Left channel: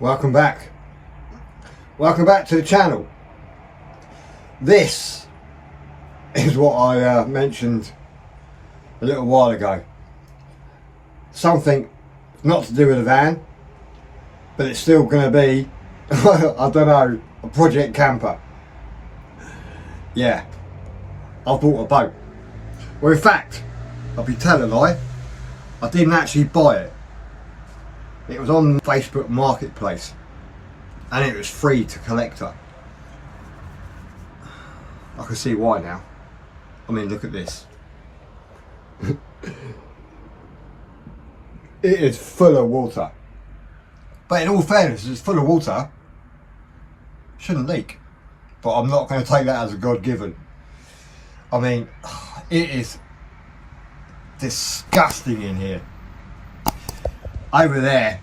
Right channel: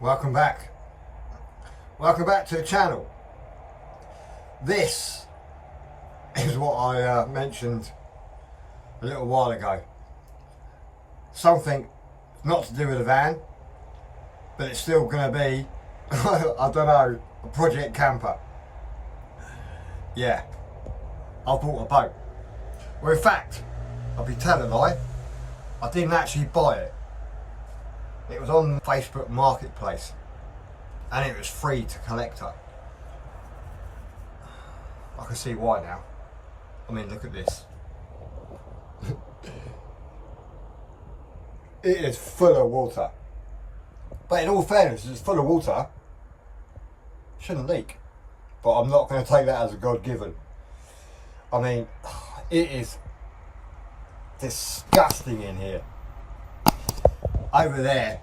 Welcome back. Welcome back to the channel. This is what I mentioned a little while ago. Something not to do with a van, but it's still going to be, I don't know, a project camper. Yeah, I bought a boat. Well, in fact, I'll be telling a lie, I didn't actually buy it. It was on Facebook Marketplace and it was free to collector. I can see why now. I mean, look at this. It is full of water. But in all fairness, it's full of water. Shouldn't leak. But I'm not going to take that as a God-given. I mean, it is disgusting in here. Over there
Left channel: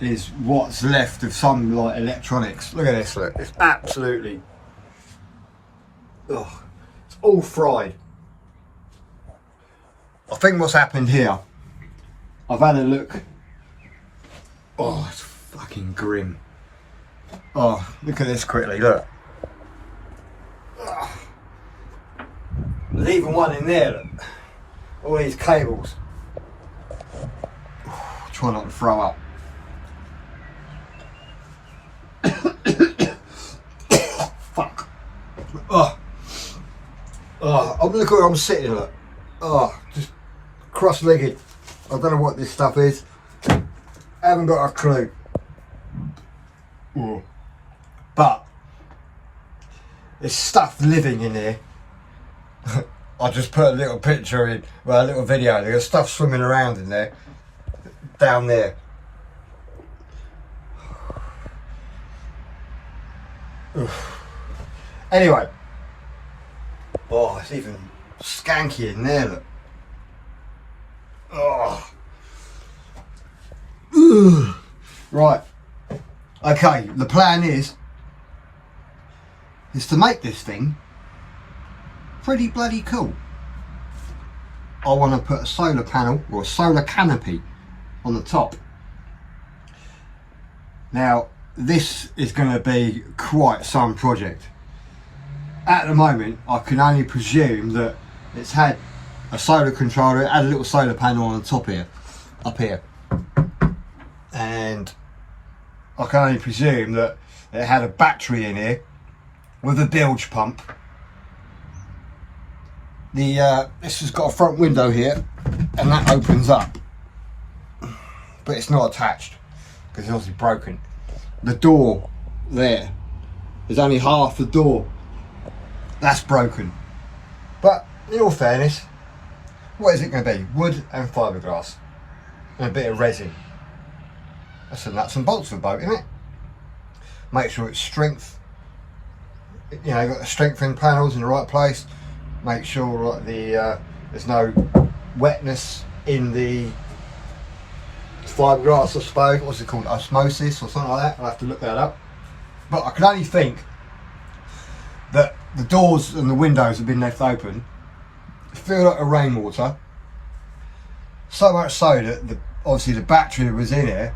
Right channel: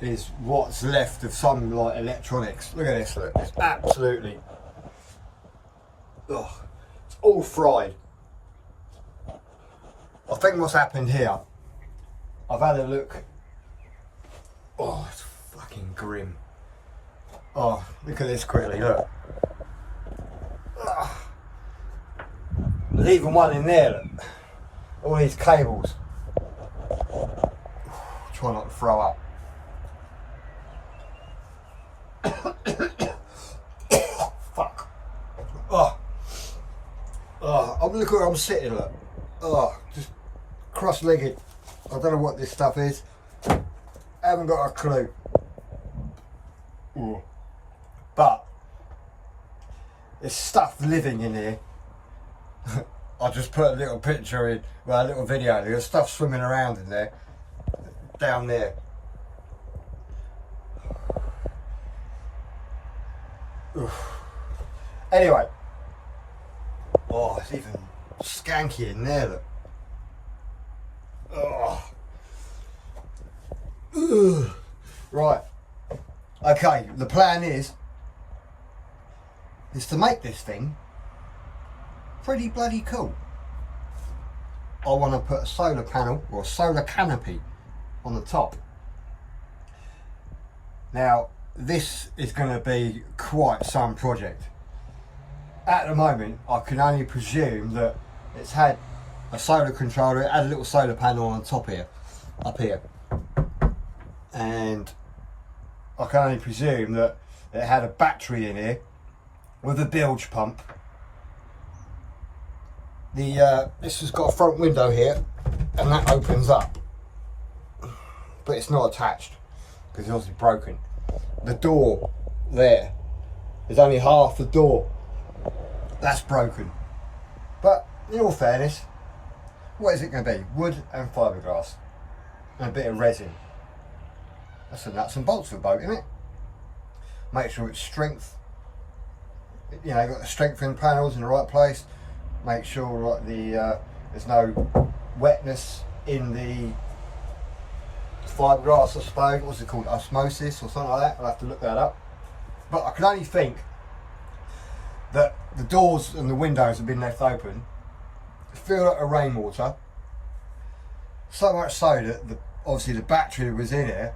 is what's left of some like electronics. Look at this, look. It's absolutely, it's all fried. I think what's happened here, I've had a look. Oh, it's fucking grim. Oh, look at this quickly, look. There's even one in there, look. All these cables. Try not to throw up. Fuck. Oh, look where I'm sitting, look. Oh, just cross-legged. I don't know what this stuff is. I haven't got a clue. Ooh. But there's stuff living in here. I just put a little picture in, well, a little video. There's stuff swimming around in there, down there. Anyway, oh, it's even skanky in there, look. Oh. Ugh. Right, okay, the plan is to make this thing pretty bloody cool. I want to put a solar panel or a solar canopy on the top. Now this is going to be quite some project. At the moment I can only presume that it's had a solar controller, it had a little solar panel on the top here, up here, and I can only presume that it had a battery in here with a bilge pump. This has got a front window here and that opens up, but it's not attached because it's obviously broken. The door there is only half the door, that's broken. But in all fairness, what is it going to be? Wood and fiberglass and a bit of resin. That's the nuts and bolts of a boat, isn't it? Make sure it's strength, you know, you've got the strengthening panels in the right place. Make sure that there's no wetness in the fiberglass, I suppose. What's it called? Osmosis or something like that. I'll have to look that up. But I can only think that the doors and the windows have been left open, filled up with rainwater, so much so that obviously the battery that was in here,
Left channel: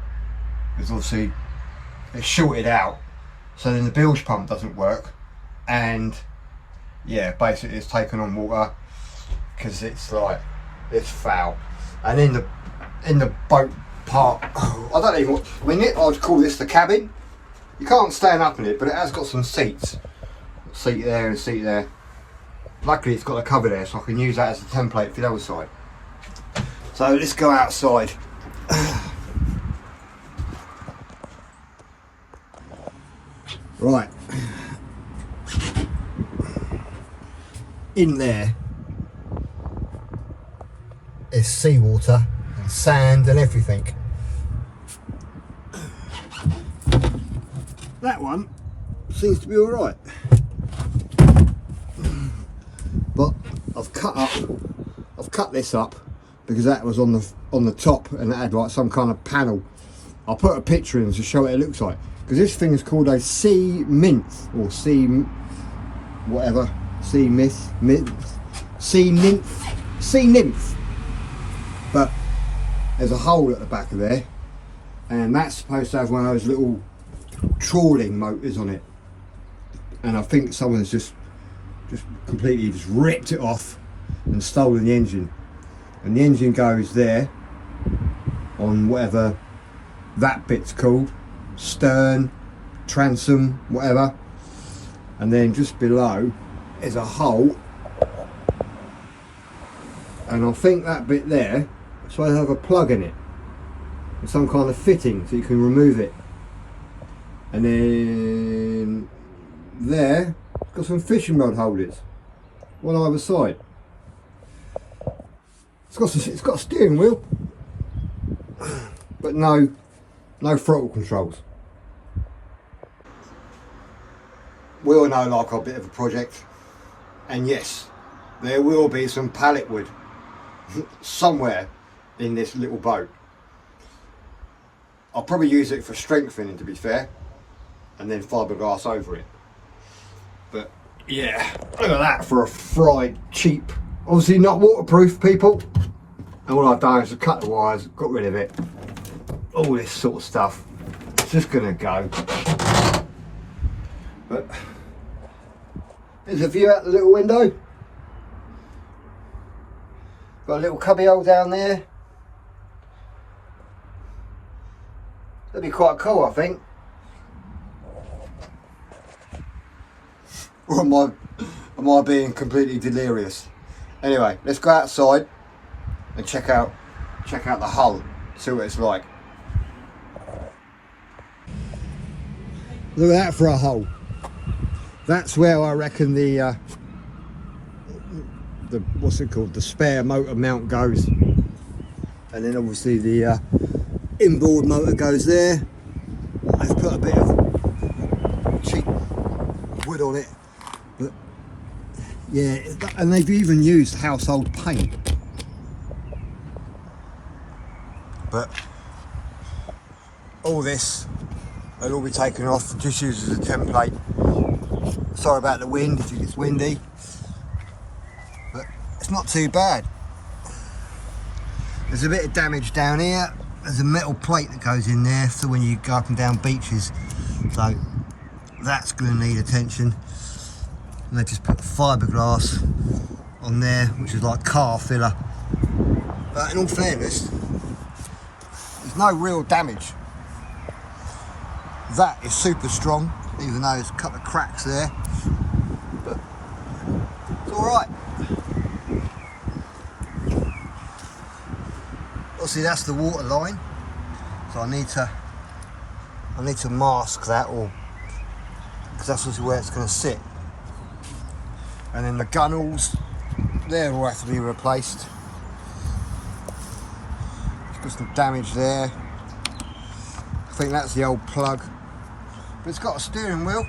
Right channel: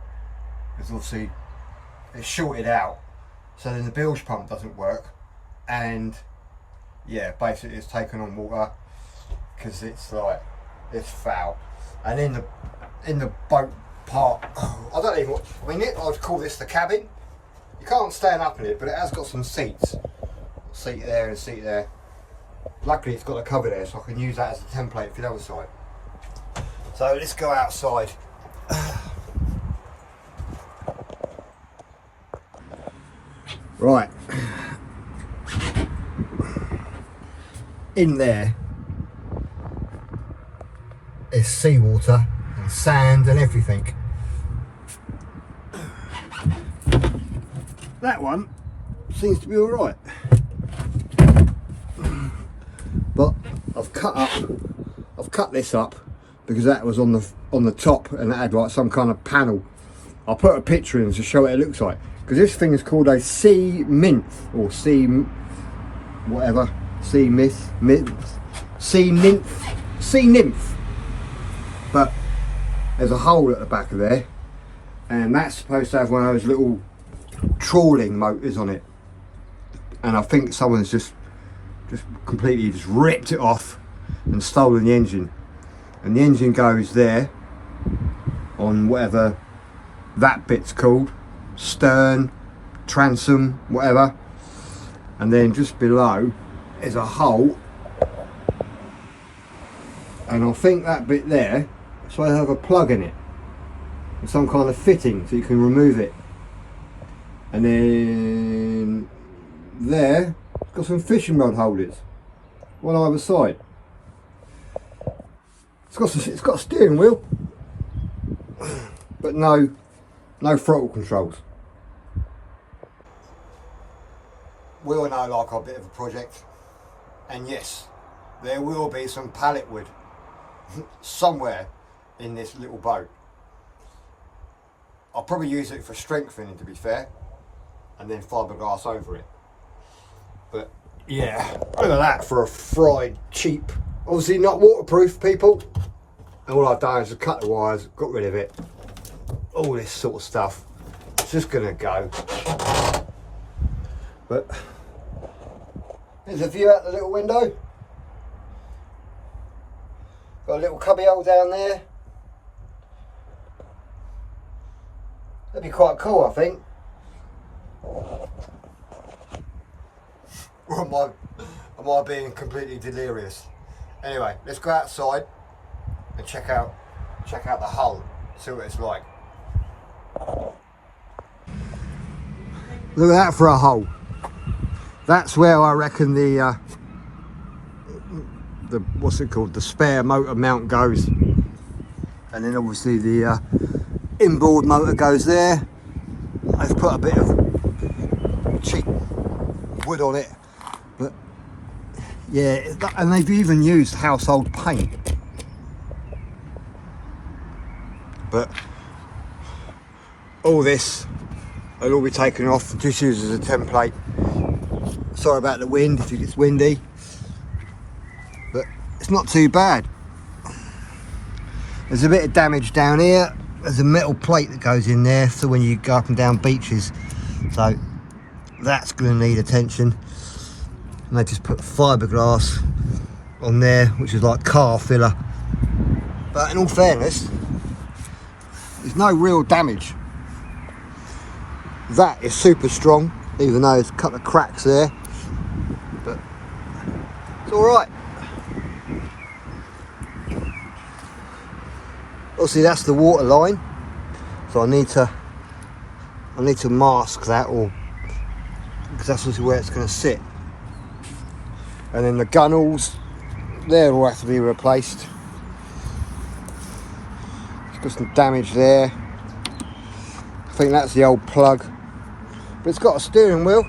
because obviously it's shorted out, so then the bilge pump doesn't work, and yeah, basically it's taken on water because it's like, it's foul. And in the boat part, I don't even, I mean, I'd call this the cabin. You can't stand up in it, but it has got some seats. Seat there and seat there. Luckily it's got a cover there, so I can use that as a template for the other side. So let's go outside. Right. In there is seawater and sand and everything. That one seems to be all right, but I've cut this up because that was on the top and it had like some kind of panel. I'll put a picture in to show what it looks like, because this thing is called a sea nymph or sea whatever. Sea nymph. But there's a hole at the back of there and that's supposed to have one of those little trawling motors on it, and I think someone's just completely just ripped it off and stolen the engine, and the engine goes there on whatever that bit's called, stern, transom, whatever, and then just below is a hole, and I think that bit there is supposed to have a plug in it with some kind of fitting so you can remove it, and then there it's got some fishing rod holders, one either side. It's got a steering wheel, but no throttle controls. We all know, like, a bit of a project, and yes, there will be some pallet wood somewhere in this little boat. I'll probably use it for strengthening, to be fair, and then fiberglass over it. But yeah, look at that for a fried cheap, obviously not waterproof, people. And all I've done is cut the wires, got rid of it, all this sort of stuff. It's just gonna go. But there's a view out the little window. Got a little cubby hole down there. That'd be quite cool, I think. Or am I being completely delirious? Anyway, let's go outside and check out the hull, see what it's like. Look at that for a hole. That's where I reckon the what's it called, the spare motor mount goes, and then obviously the inboard motor goes there. I've put a bit of cheap wood on it, but yeah, and they've even used household paint. But all this will all be taken off and just used as a template. Sorry about the wind if it gets windy, but it's not too bad. There's a bit of damage down here. There's a metal plate that goes in there, so when you go up and down beaches, so that's going to need attention. And they just put fiberglass on there, which is like car filler. But in all fairness, there's no real damage. That is super strong, even though there's a couple of cracks there, but it's all right. Obviously that's the water line, so I need to mask that, or because that's obviously where it's going to sit. And then the gunnels, they will have to be replaced. It's got some damage there. I think that's the old plug, but it's got a steering wheel.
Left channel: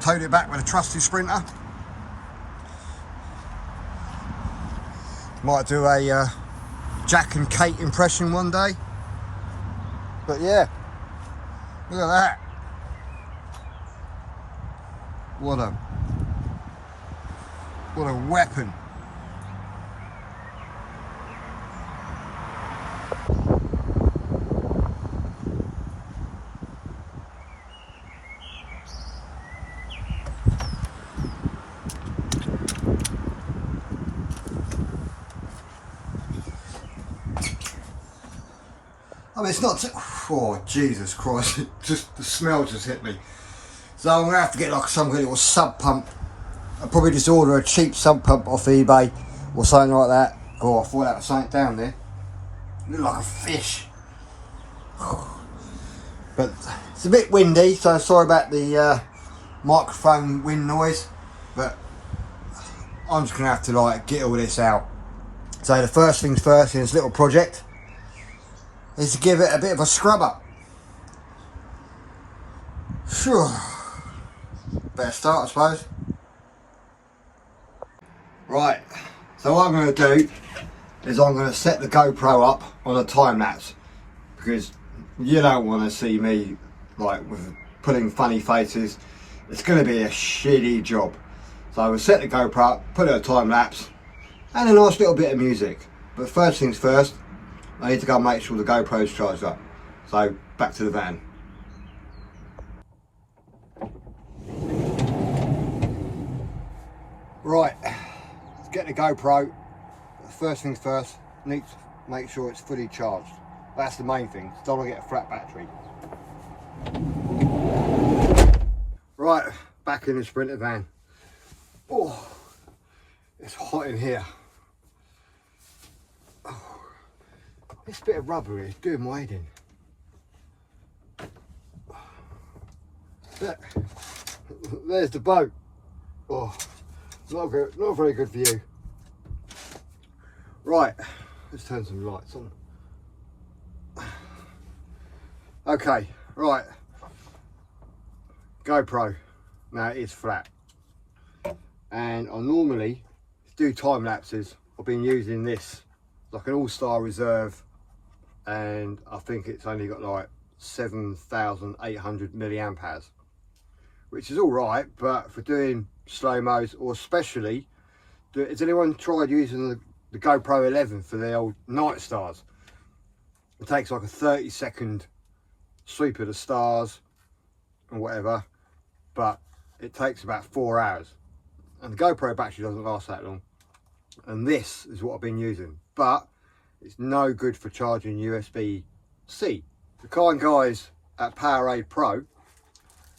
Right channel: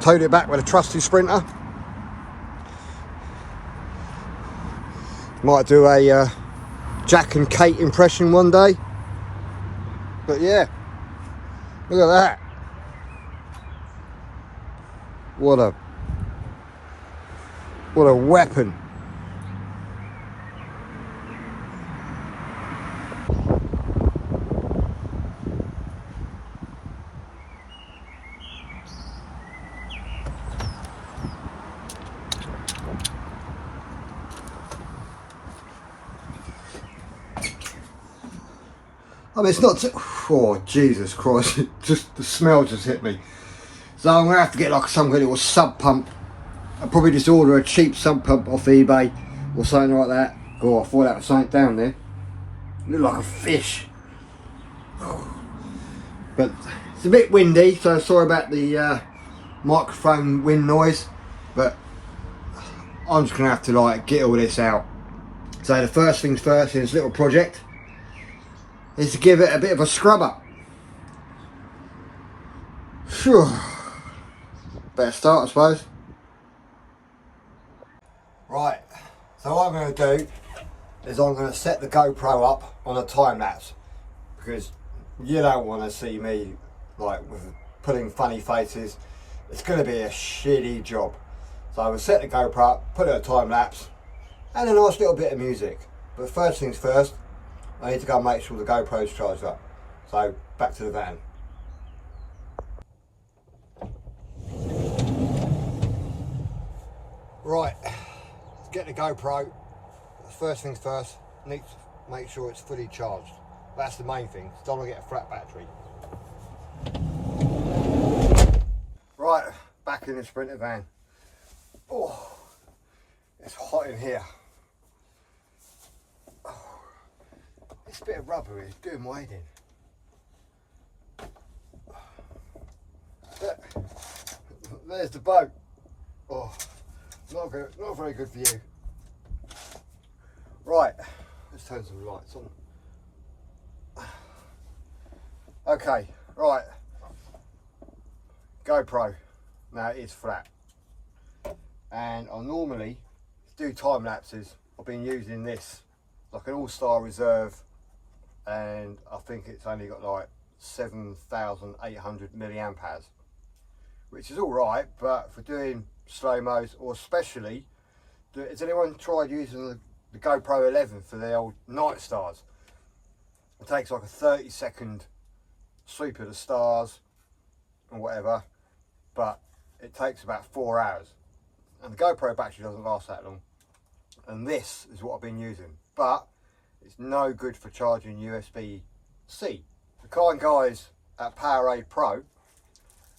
Towed it back with a trusty Sprinter. Might do a Jack and Kate impression one day. But yeah, look at that. What a weapon. I mean, it's not oh Jesus Christ, just the smell just hit me. So I'm gonna have to get like some kind of sub pump. I'll probably just order a cheap sub pump off eBay or something like that. Oh, I thought that was something down there. It looked like a fish. But it's a bit windy, so sorry about the microphone wind noise, but I'm just gonna have to like get all this out. So the first things first in this little project is to give it a bit of a scrub up. Sure. Better start, I suppose. Right, so what I'm going to do is I'm going to set the GoPro up on a time lapse, because you don't want to see me like with putting funny faces. It's going to be a shitty job. So I will set the GoPro up, put it a time lapse, and a nice little bit of music. But first things first, I need to go and make sure the GoPro's charged up. So back to the van. Right, let's get the GoPro. First things first, need to make sure it's fully charged. That's the main thing, don't want to get a flat battery. Right, back in the Sprinter van. Oh, it's hot in here. Oh, this bit of rubber here is doing my head in. There's the boat. Oh, not good, not a very good view. Right, let's turn some lights on. Okay, right. GoPro. Now it is flat. And I normally do time lapses. I've been using this like an all-star reserve, and I think it's only got like 7,800 milliamp hours, which is all right, but for doing slow-mos, or especially, has anyone tried using the GoPro 11 for the old night stars? It takes like a 30-second sweep of the stars and whatever, but it takes about 4 hours, and the GoPro battery doesn't last that long. And this is what I've been using, but it's no good for charging USB-C. The kind guys at PowerAdd Pro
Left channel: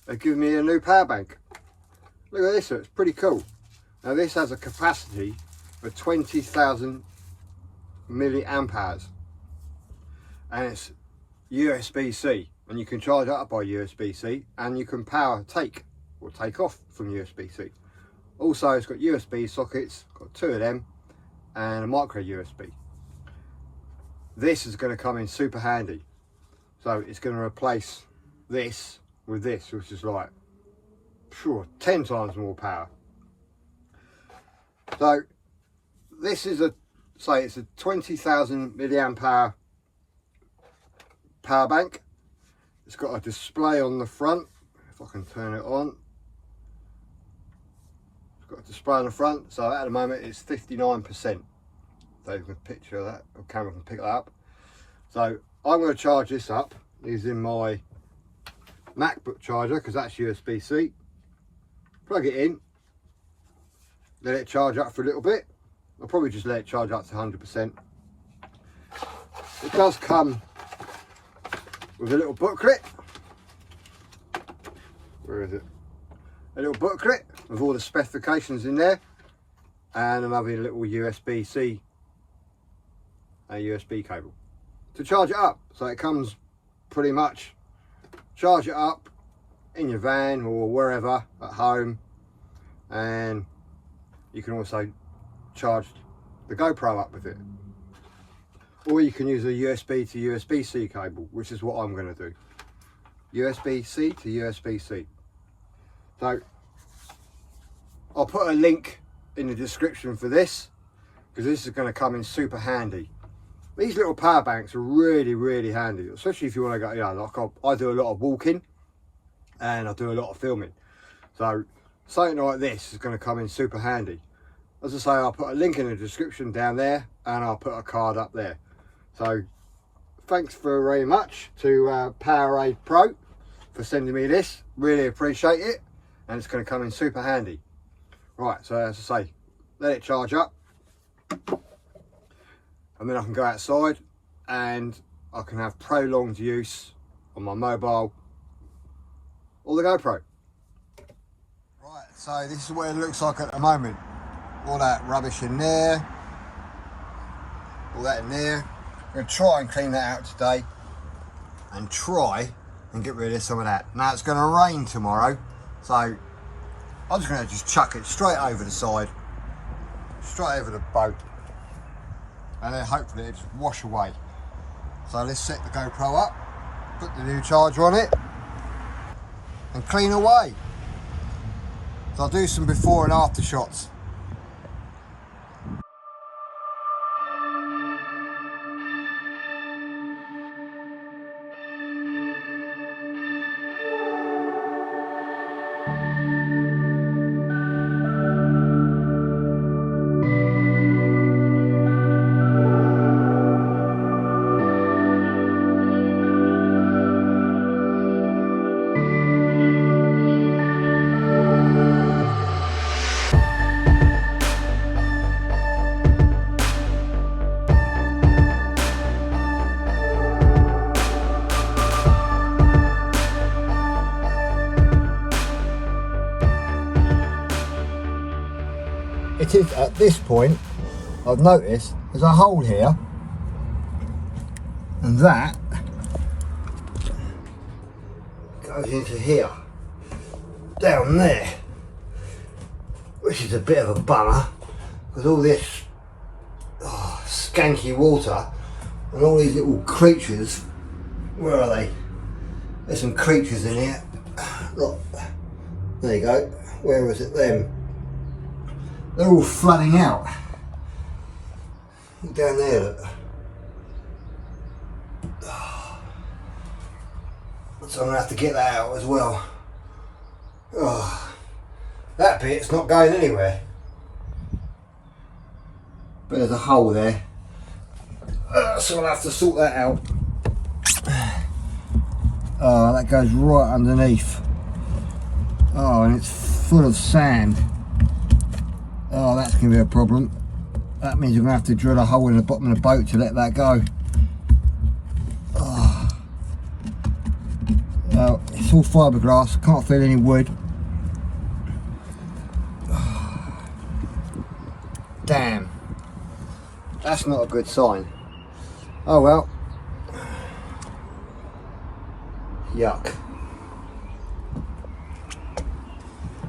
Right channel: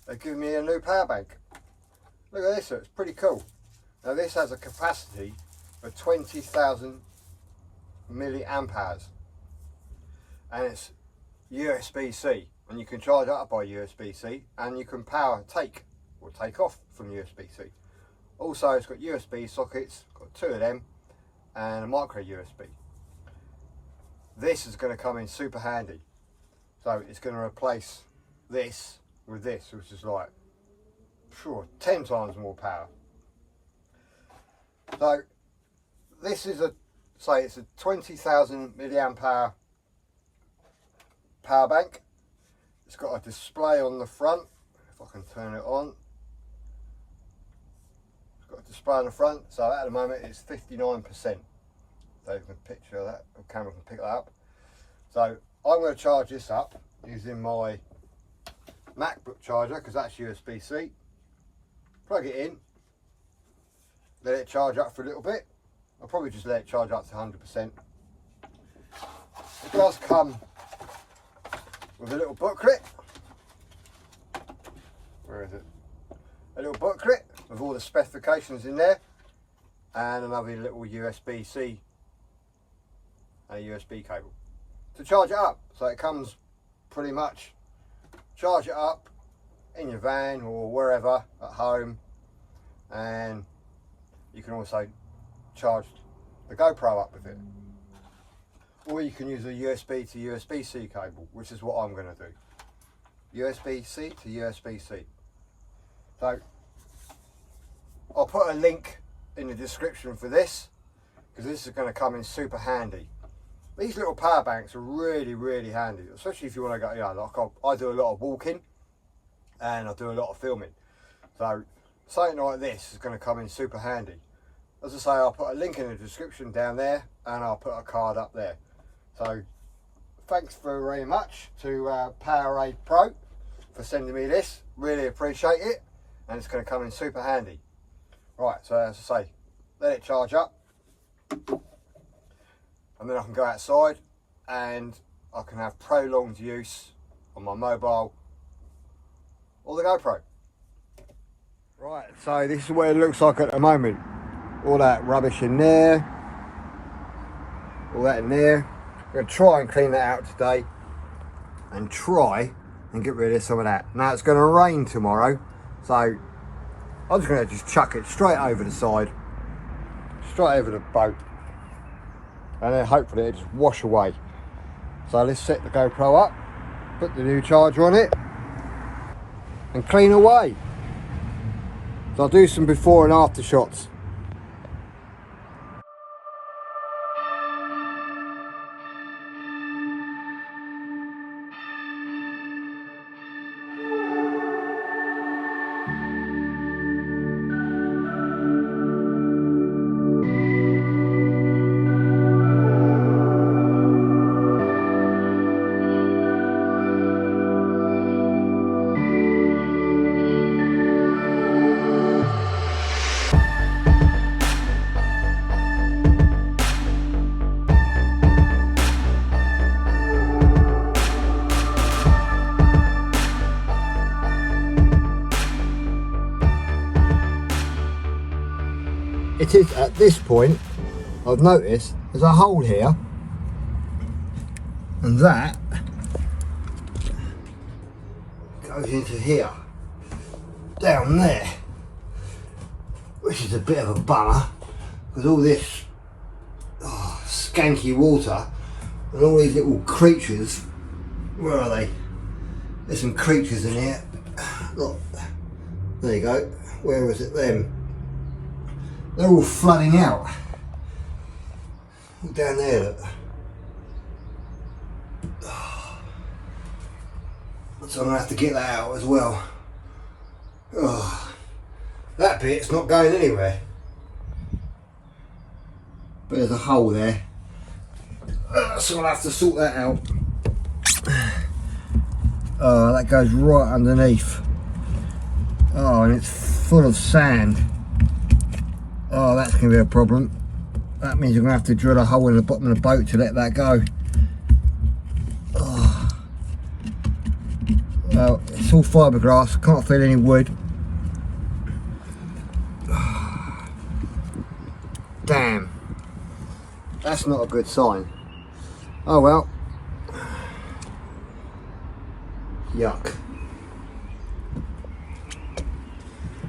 have given me a new power bank. Look at this, it's pretty cool. Now this has a capacity of 20,000 milliamp hours, and it's USB-C, and you can charge it up by USB-C, and you can power take or take off from USB-C. Also, it's got USB sockets, got 2 of them, and a micro USB. This is going to come in super handy. So it's going to replace this with this, which is like, sure, 10 times more power. So this is it's a 20,000 milliamp hour power bank. It's got a display on the front, if I can turn it on. It's got a display on the front, so at the moment it's 59%. So you can picture that, the camera can pick that up. So I'm going to charge this up using my MacBook charger, because that's USB-C. Plug it in, let it charge up for a little bit. I'll probably just let it charge up to 100%. It does come with a little booklet. Where is it? A little booklet with all the specifications in there, and another little USB-C, a USB cable to charge it up. So it comes pretty much, charge it up in your van or wherever at home, and you can also charge the GoPro up with it, or you can use a USB to USB-C cable, which is what I'm going to do. USB-C to USB-C. So I'll put a link in the description for this, because this is going to come in super handy. These little power banks are really, really handy, especially if you want to go, you know, like I do a lot of walking and I do a lot of filming. So something like this is going to come in super handy. As I say, I'll put a link in the description down there, and I'll put a card up there. So thanks very much to PowerAdd Pro for sending me this. Really appreciate it, and it's going to come in super handy. Right, so as I say, let it charge up, and then I can go outside and I can have prolonged use on my mobile or the GoPro. Right, so this is what it looks like at the moment. All that rubbish in there, all that in there. I'm going to try and clean that out today and try and get rid of some of that. Now it's going to rain tomorrow, so I'm just going to chuck it straight over the side, straight over the boat, and then hopefully it'll just wash away. So let's set the GoPro up, put the new charger on it, and clean away. So I'll do some before and after shots. it is at this point, I've noticed there's a hole here, and that goes into here, down there, which is a bit of a bummer, because all this skanky water and all these little creatures, where are they? There's some creatures in here. Look, there you go. Where was it? Them. They're all flooding out. Look down there, look. So I'm going to have to get that out as well. Oh, that bit's not going anywhere. But there's a hole there. So I'm going to have to sort that out. Oh, that goes right underneath. Oh, and it's full of sand. Oh, that's going to be a problem. That means you're going to have to drill a hole in the bottom of the boat to let that go. Oh. It's all fiberglass, can't feel any wood. Damn. That's not a good sign. Oh well. Yuck.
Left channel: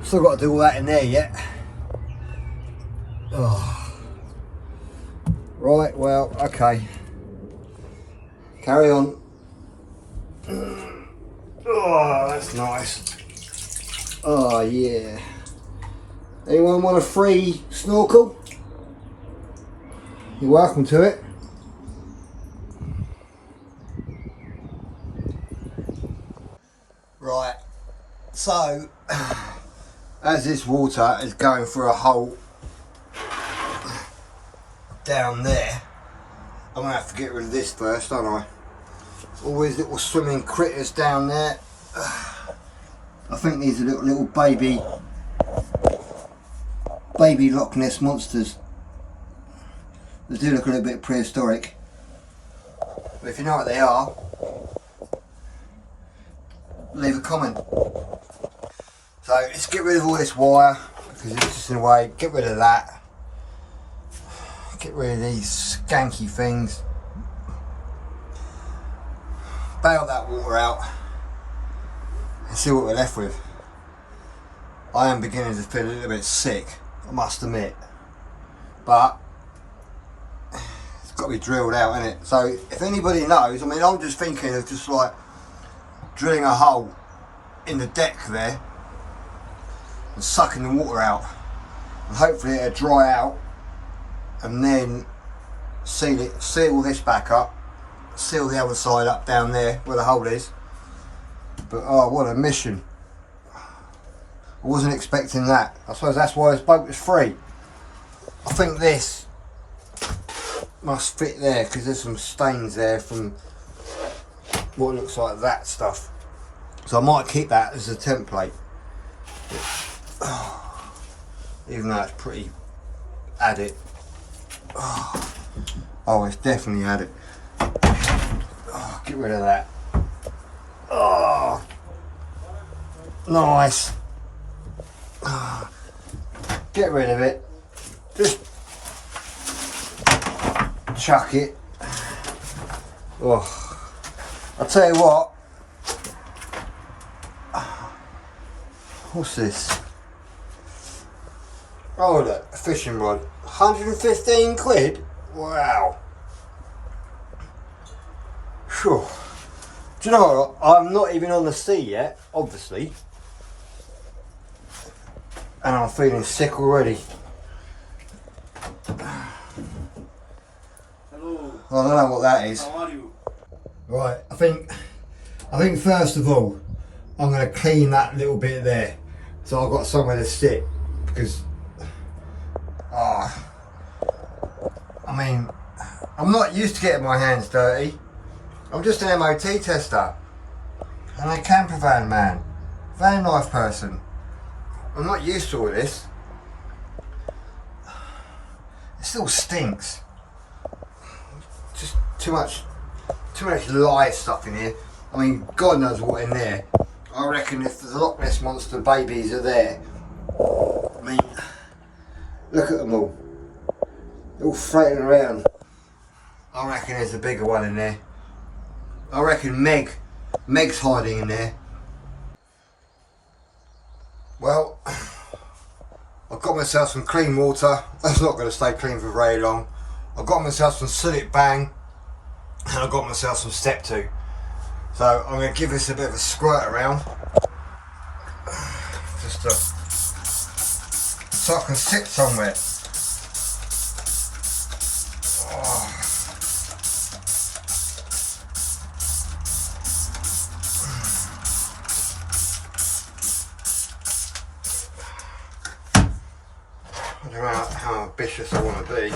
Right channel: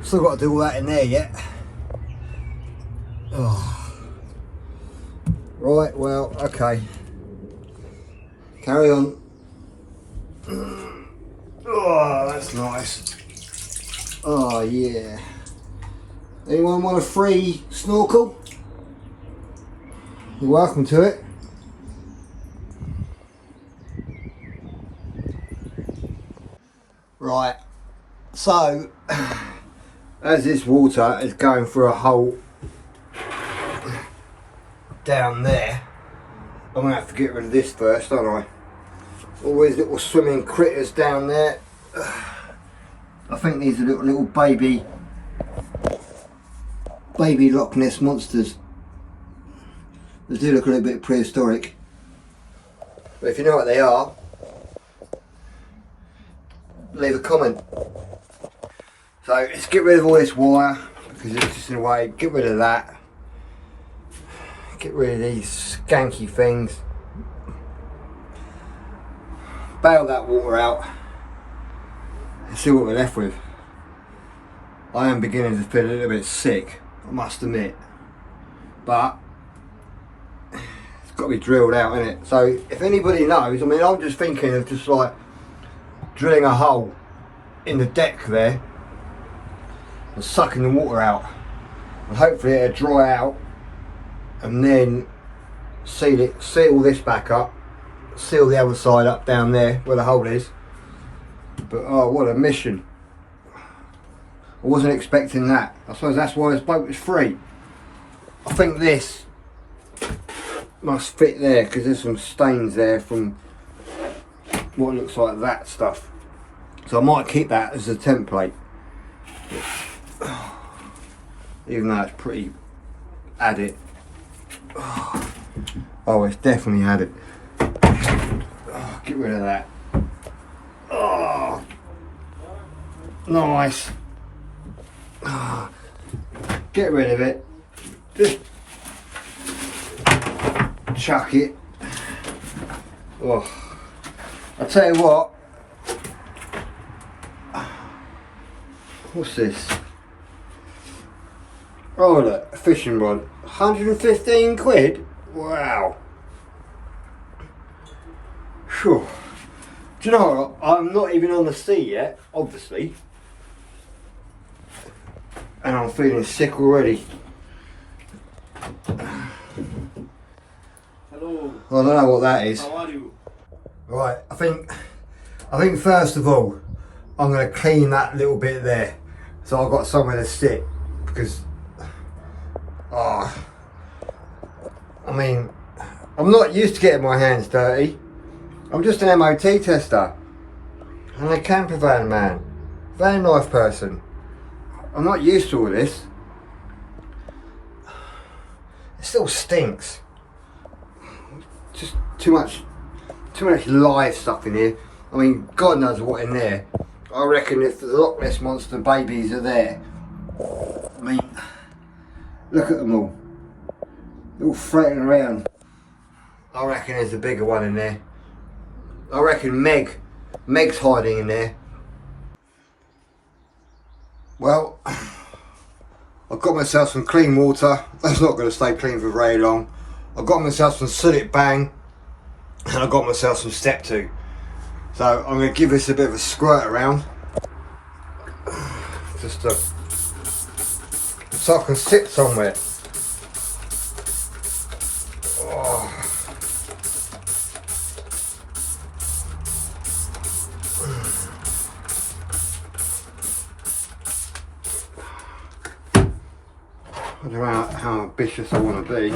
Still got to do all that in there yet. Oh. Right, well, okay. Carry on. Oh, that's nice. Oh, yeah. Anyone want a free snorkel? You're welcome to it. Right, so as this water is going through a hole down there, I'm gonna have to get rid of this first, aren't I? All these little swimming critters down there. I think these are little baby Loch Ness monsters. They do look a little bit prehistoric, but if you know what they are, leave a comment. So let's get rid of all this wire because it's just in the way. Get rid of that. Get rid of these skanky things. Bail that water out and see what we're left with. I am beginning to feel a little bit sick, I must admit, but it's got to be drilled out, innit? So if anybody knows, I mean, I'm just thinking of just like drilling a hole in the deck there and sucking the water out, and hopefully it'll dry out, and then seal this back up, seal the other side up down there where the hole is. But oh, what a mission. I wasn't expecting that. I suppose that's why this boat was free. I think this must fit there because there's some stains there from what looks like that stuff. So I might keep that as a template. Even though it's pretty added. Oh, it's definitely added. Get rid of that. Oh, nice. Get rid of it. Just chuck it. Oh, I'll tell you what. What's this? Oh look, a fishing rod. 115 quid? Wow. Whew. Do you know what? I'm not even on the sea yet, obviously. And I'm feeling sick already. Hello. I don't know what that is. How are you? Right, I think first of all, I'm going to clean that little bit there, so I've got somewhere to sit, because, I mean, I'm not used to getting my hands dirty. I'm just an MOT tester, and a camper van man, van life person. I'm not used to all this. It still stinks. Just too much live stuff in here. I mean, God knows what in there. I reckon if the Loch Ness monster babies are there, I mean, Look at them all. They're all floating around. I reckon there's a bigger one in there. I reckon Meg's hiding in there. Well, I've got myself some clean water. That's not going to stay clean for very long. I've got myself some Sulit Bang, and I've got myself some Step 2. So I'm going to give this a bit of a squirt around, just so I can sit somewhere. Oh. I don't know how ambitious I want to be.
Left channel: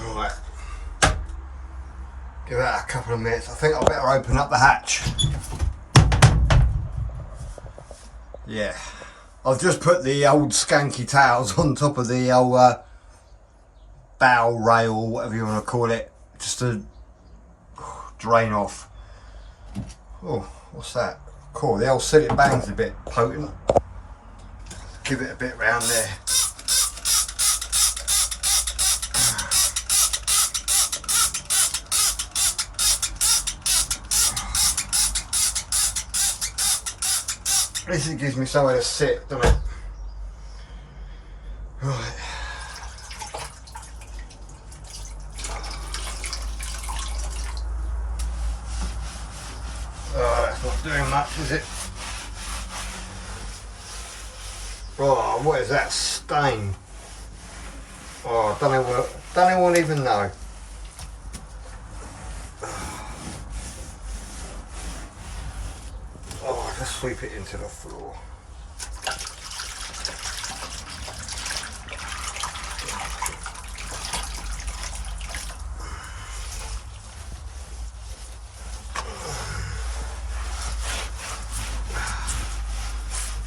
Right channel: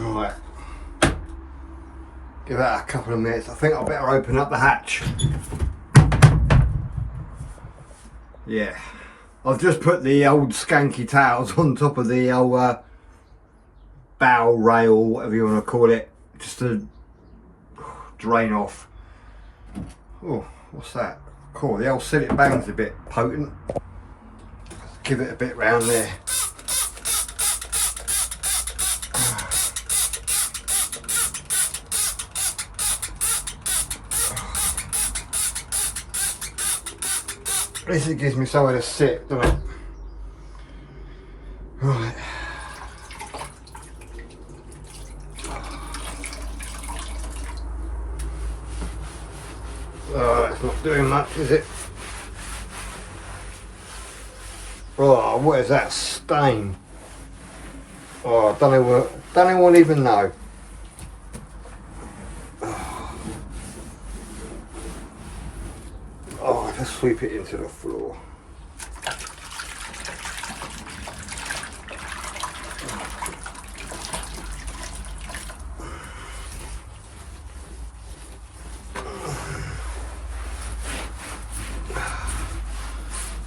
Right. Give that a couple of minutes. I think I better open up the hatch. Yeah. I've just put the old skanky tails on top of the old bow rail, whatever you want to call it, just to drain off. Oh, what's that? Cool, the old Sulit Bang's a bit potent. Give it a bit round there. At least it gives me somewhere to sit, doesn't it? Right. Oh, that's not doing much, is it? Oh, what is that stain? Oh, I don't anyone even know. Oh, just sweep it into the floor.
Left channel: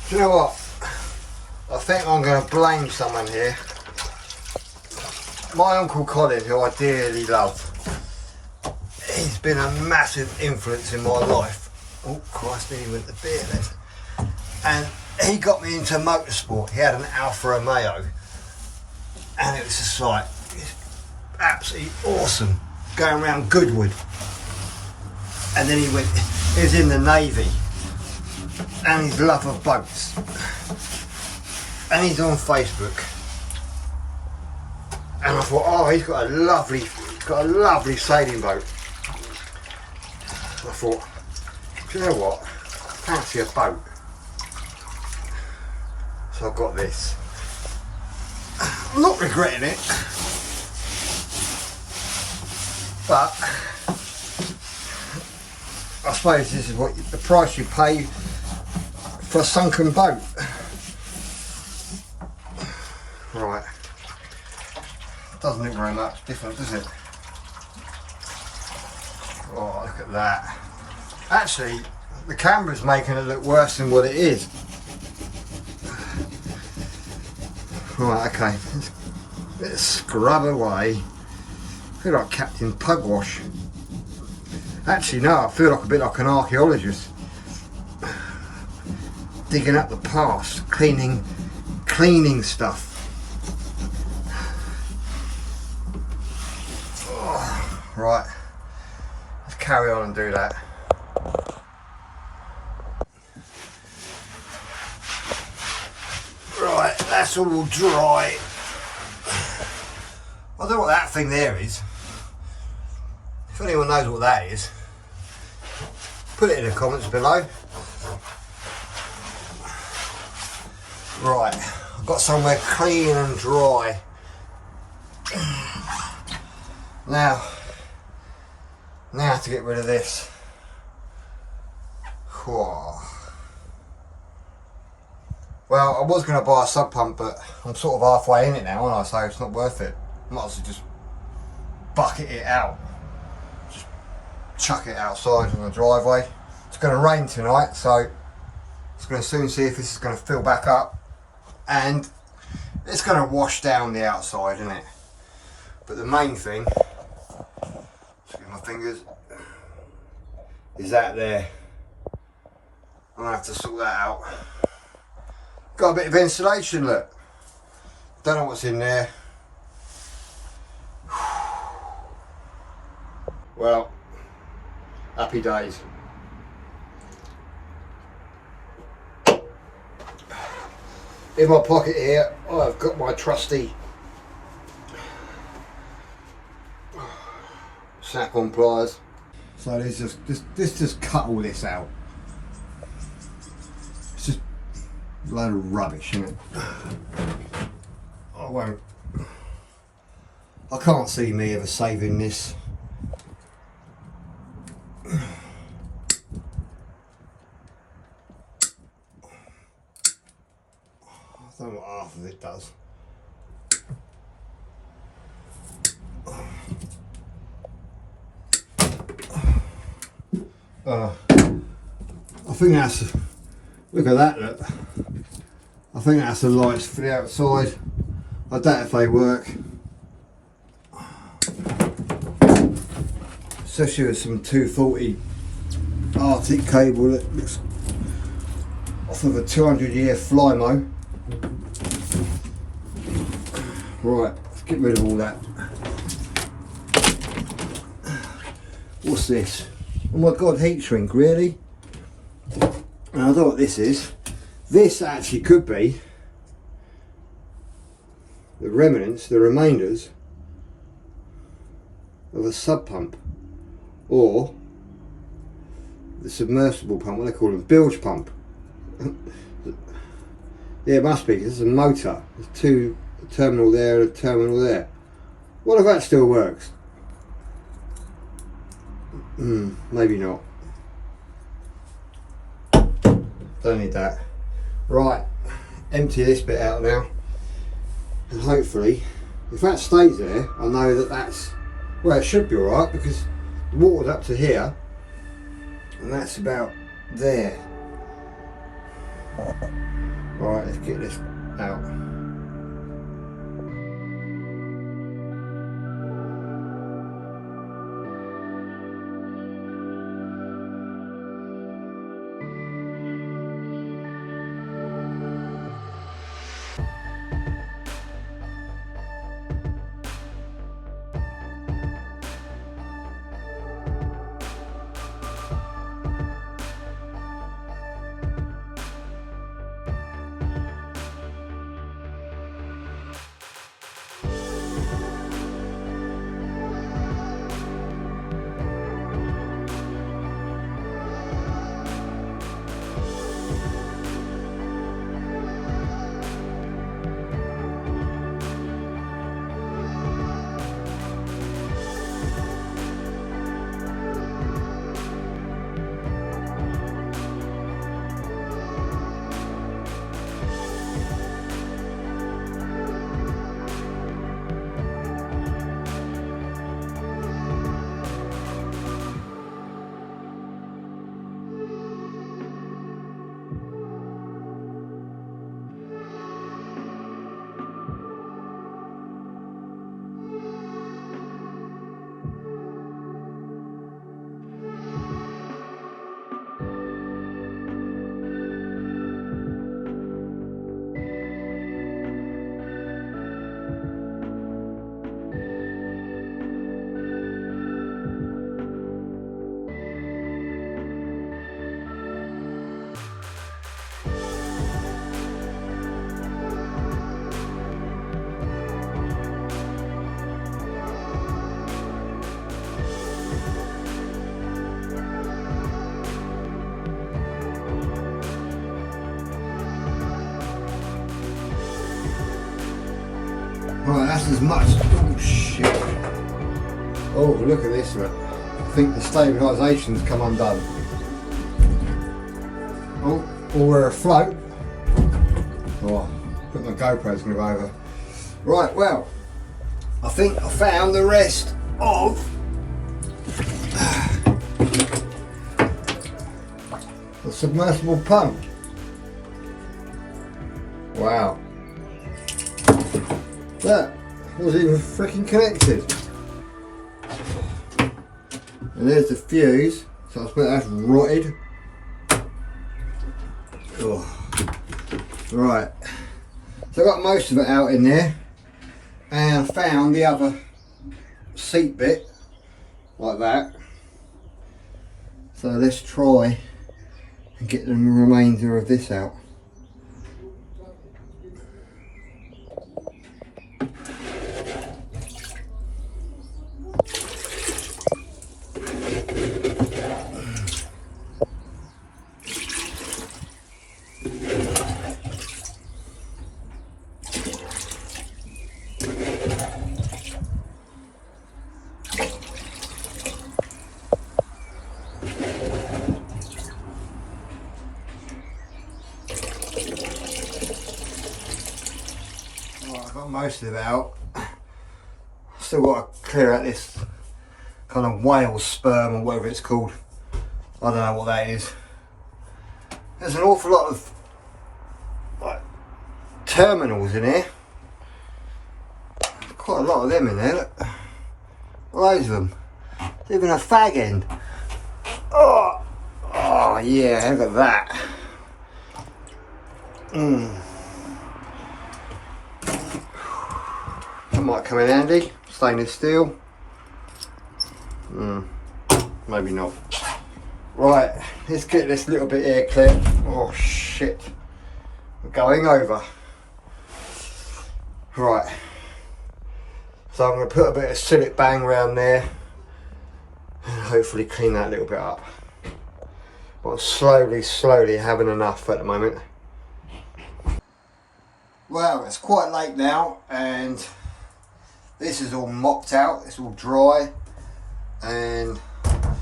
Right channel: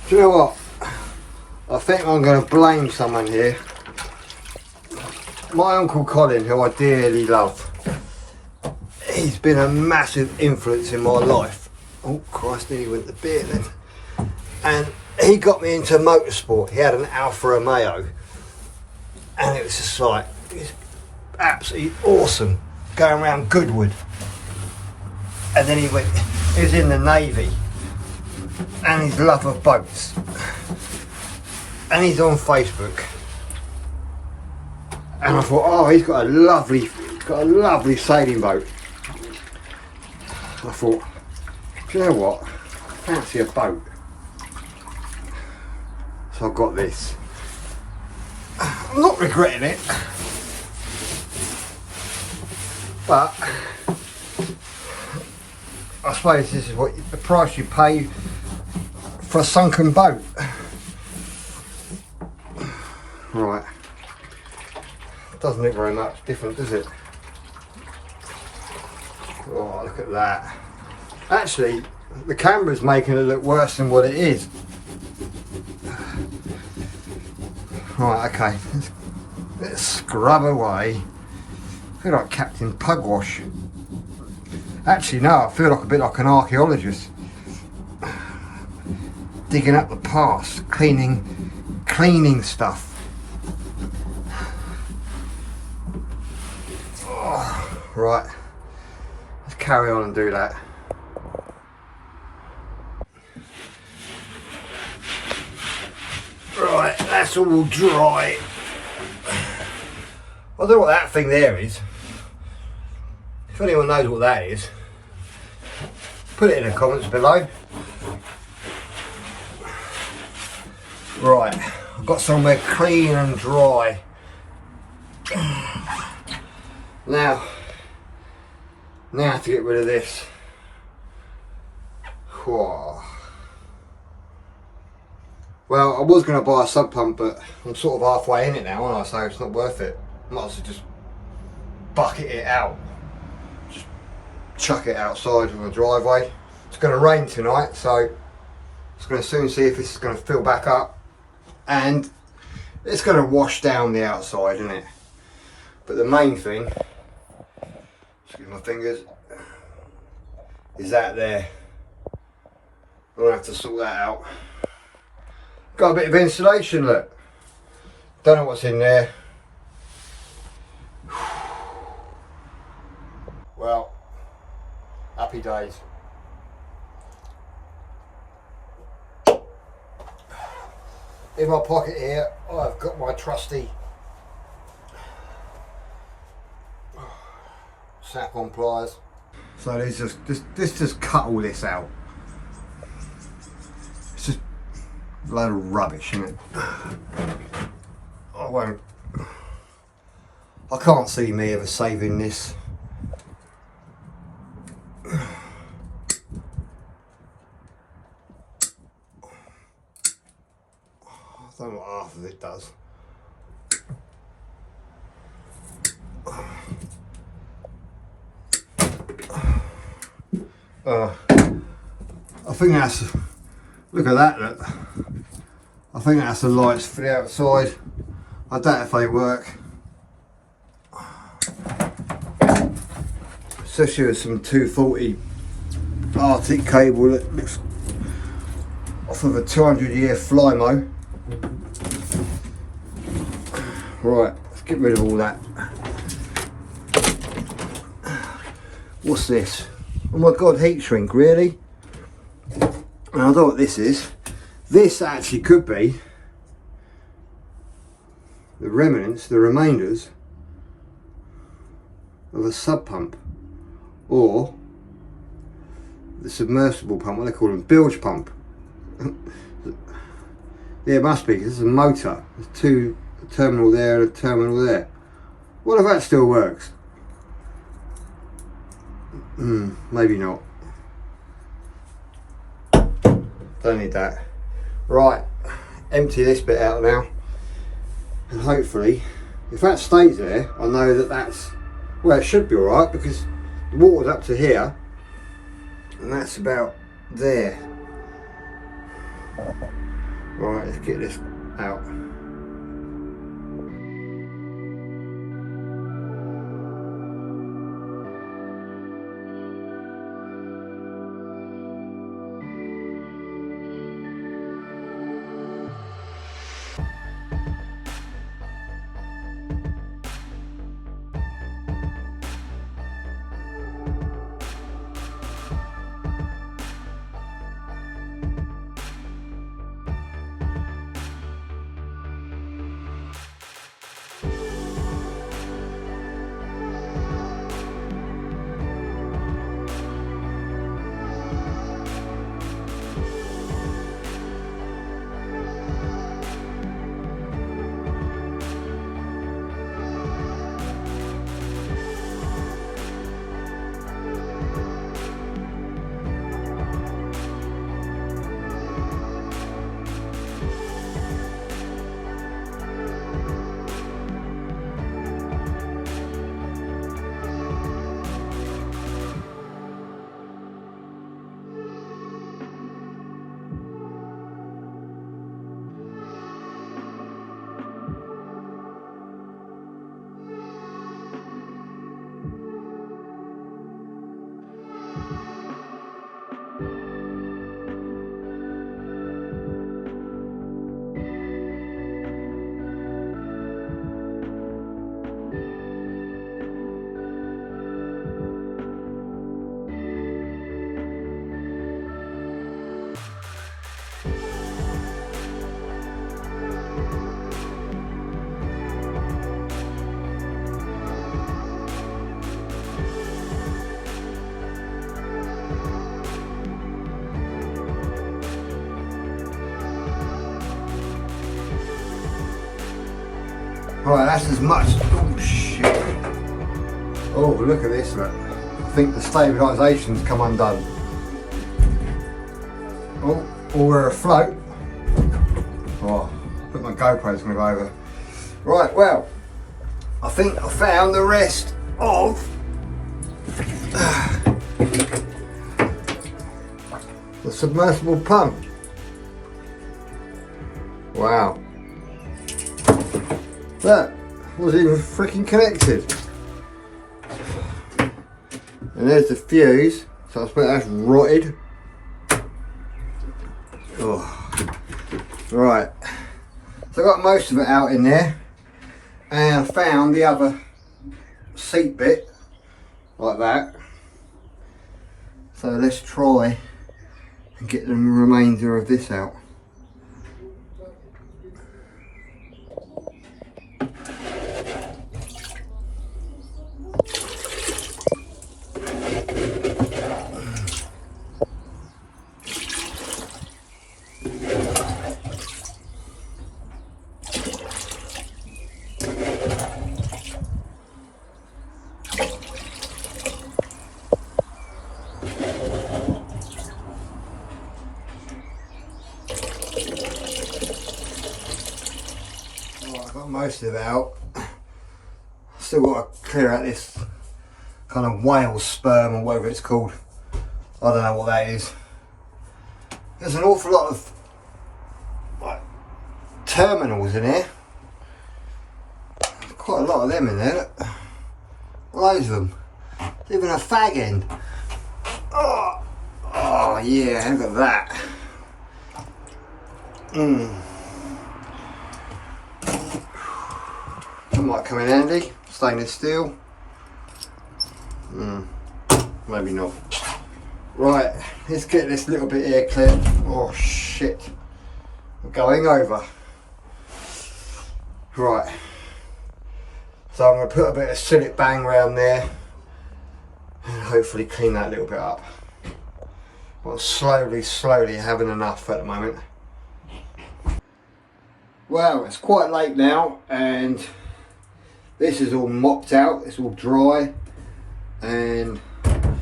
Do you know what? I think I'm going to blame someone here. My Uncle Colin, who I dearly love. He's been a massive influence in my life. Oh Christ, he went to beer then. And he got me into motorsport. He had an Alfa Romeo. And it was just like, it's absolutely awesome. Going around Goodwood. And then he was in the Navy. And his love of boats. And he's on Facebook. And I thought, oh, he's got a lovely sailing boat. I thought, do you know what? I fancy a boat. So I got this. I'm not regretting it. But I suppose this is what the price you pay for a sunken boat. Right. Doesn't look very much different, does it? Oh, look at that. Actually, the camera's making it look worse than what it is. Right, okay. Let's scrub away. I feel like Captain Pugwash. Actually, no, I feel like a bit like an archaeologist. Digging up the past, cleaning stuff. Oh, right, let's carry on and do that. Right, that's all dry. I don't know what that thing there is. If anyone knows what that is, put it in the comments below. Right, I've got somewhere clean and dry. Now to get rid of this. Whoa. Well, I was going to buy a sub pump, but I'm sort of halfway in it now, aren't I? So it's not worth it. Might as well just bucket it out. Just chuck it outside on the driveway. It's going to rain tonight, so it's going to soon see if this is going to fill back up. And it's going to wash down the outside, isn't it? But the main thing, excuse my fingers, is that there. I'm gonna have to sort that out. Got a bit of insulation, look. Don't know what's in there. Well, happy days. In my pocket here, I've got my trusty snap-on pliers. So this just cut all this out. It's just a load of rubbish, isn't it? I can't see me ever saving this. I don't know what half of it does. I think that's, look at that, look. I think that's the lights for the outside. I don't know if they work. Especially with some 240 Arctic cable that looks off of a 200-year Flymo. Right, let's get rid of all that. What's this? Oh my god, heat shrink, really? And I don't know what this is. This actually could be the remnants, the remainders of a sub pump, or the submersible pump, what they call them, bilge pump. Yeah, it must be, because it's a motor. There's two, a terminal there and a terminal there. What if that still works? Maybe not. Don't need that. Right, empty this bit out now, and hopefully, if that stays there, I know that that's, well, it should be alright, because the water's up to here, and that's about there. Right, let's get this out. Right, that's as much. Oh shit. Oh, look at this, look. I think the stabilisation's come undone. Oh, or we're afloat. Oh, I think my GoPro's going to go over. Right, well, I think I found the rest of the submersible pump. Wow. Look, it wasn't even freaking connected. And there's the fuse. So I suppose that's rotted. Ugh. Right, so I got most of it out in there, and I found the other seat bit like that. So let's try and get the remainder of this out. Most of it out. Still got to clear out this kind of whale sperm or whatever it's called. I don't know what that is. There's an awful lot of like terminals in here. Quite a lot of them in there. Look. Loads of them. There's even a fag end. Oh, oh yeah, look at that. That might come in handy. Stainless steel. Maybe not. Right, let's get this little bit here clear. Oh shit. We're going over. Right. So I'm going to put a bit of Sillet Bang around there and hopefully clean that little bit up. But I'm slowly having enough at the moment. Well, it's quite late now and this is all mopped out, it's all dry, and I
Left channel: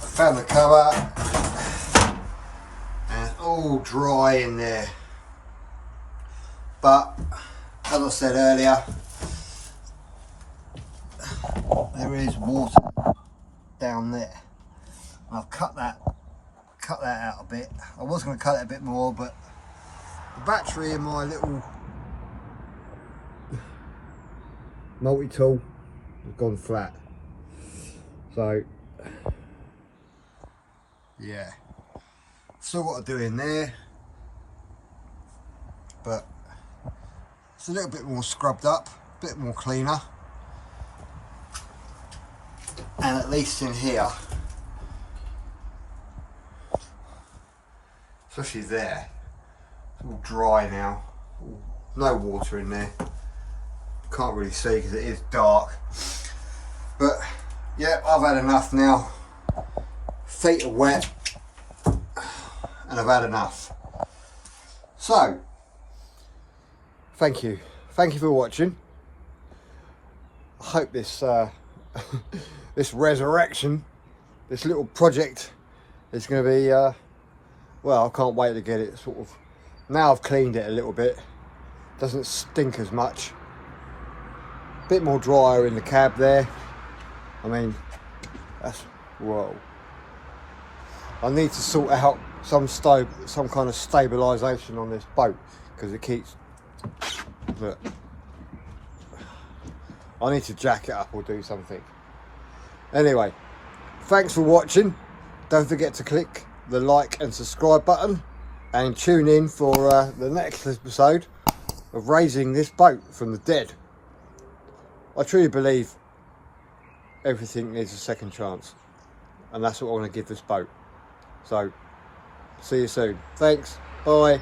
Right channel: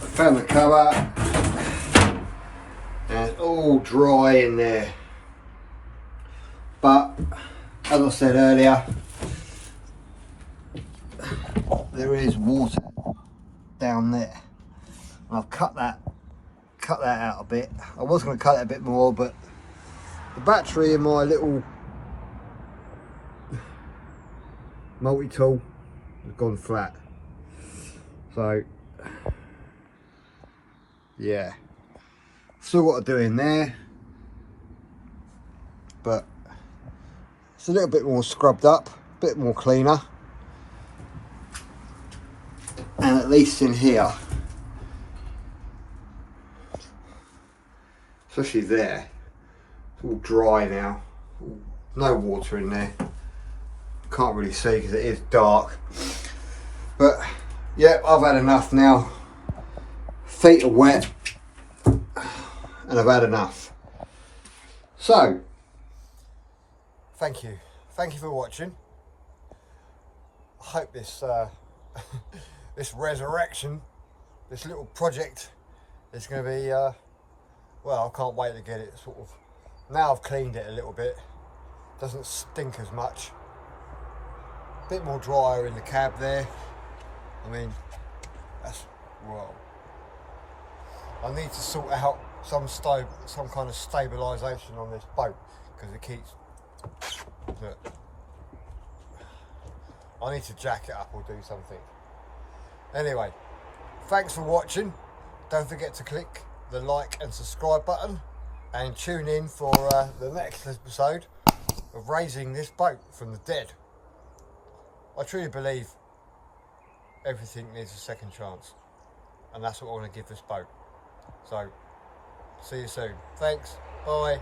found the cover and it's all dry in there. But as I said earlier, there is water down there. I've cut that out a bit. I was going to cut it a bit more, but the battery in my little multi-tool has gone flat. So yeah, still got to do in there, but it's a little bit more scrubbed up, a bit more cleaner, and at least in here, especially there, it's all dry now, no water in there. Can't really see because it is dark, but yeah, I've had enough now. Feet are wet and I've had enough. So thank you for watching. I hope this this resurrection, this little project is going to be well, I can't wait to get it sort of, now I've cleaned it a little bit, doesn't stink as much. Bit more drier in the cab there. I mean, that's, whoa. I need to sort out some kind of stabilisation on this boat because it keeps, look. I need to jack it up or do something. Anyway, thanks for watching. Don't forget to click the like and subscribe button and tune in for the next episode of raising this boat from the dead. I truly believe everything needs a second chance, and that's what I want to give this boat. So, see you soon. Thanks. Bye.